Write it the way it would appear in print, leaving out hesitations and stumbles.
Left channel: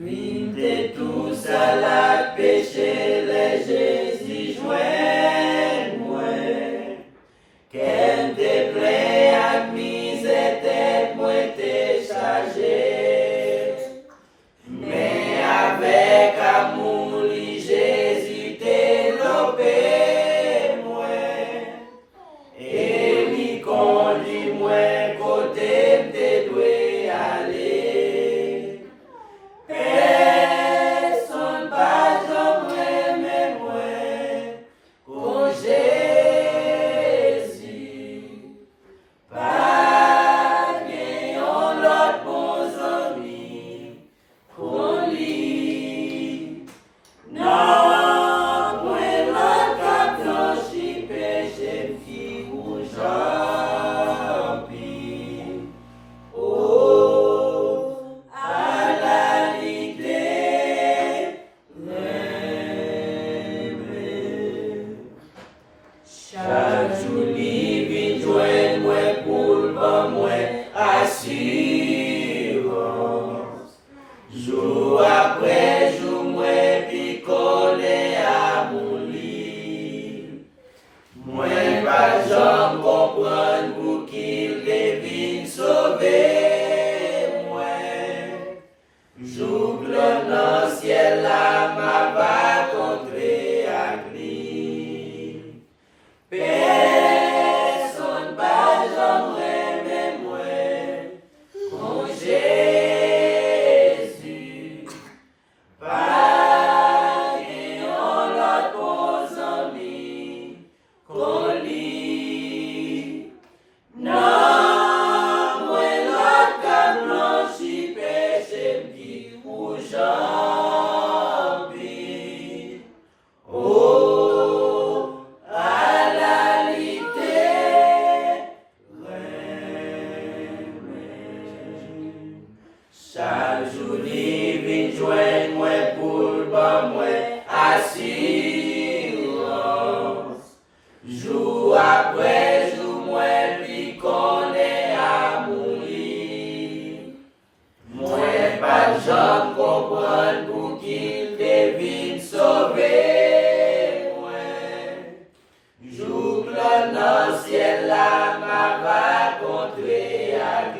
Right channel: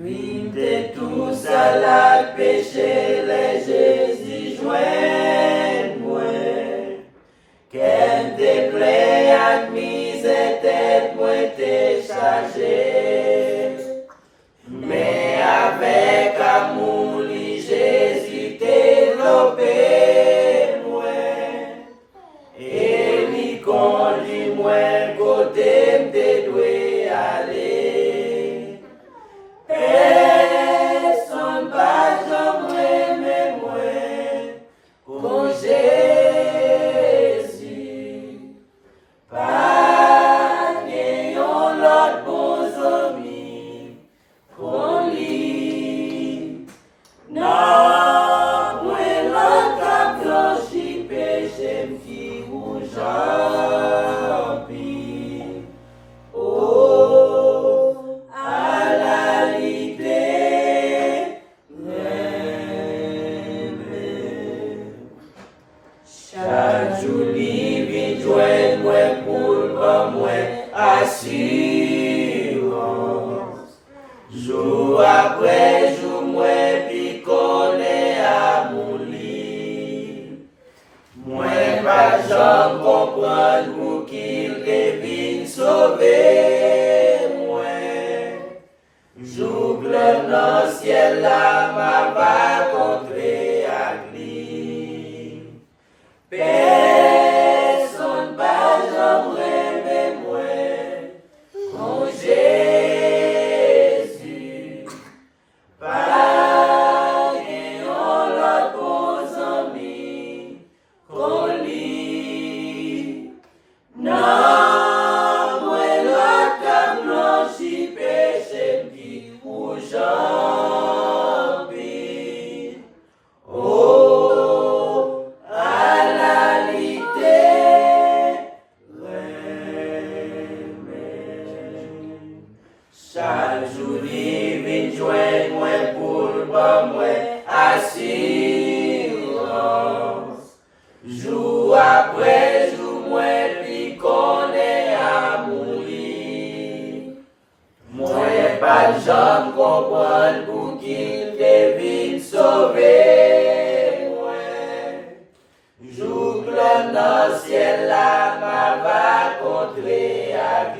Vite tous à la péché, les Jésus joint moi. Qu'elle te plaît, admise tête, moi t'es chargé. Mais avec amour, Jésus t'est lopé, moi. Et lui conduit, moi, côté m'te doit aller. Personne pas jamais moi, con Jésus. Pas n'ayons l'autre bons amis, qu'on lit. Non, moi l'autre cap blanchi, péché m'ti ou jampi. Oh, à la l'idée, chaque jour, il vient joindre moi pour le moi assurance. Jour après jour, moi puis connaît à mon lit. Moi pas jamais comprendre pour qu'il devine sauver moi. Jour blanc dans le ciel là m'a pas rencontré avec lui. Personne pas jamais moi, con Jésus. Pas n'ayons l'autre bons amis, qu'on lit. Non, moi l'autre cap blanchi, péché m'ti ou jampi. Oh, à la chaque jour, il vient joindre moi pour moi assurance. Jour après jour, moi puis connaît à mourir. Moi pas jamais comprendre pour qu'il devine sauver moi. Jour blanc dans le ciel là m'a va rencontré avec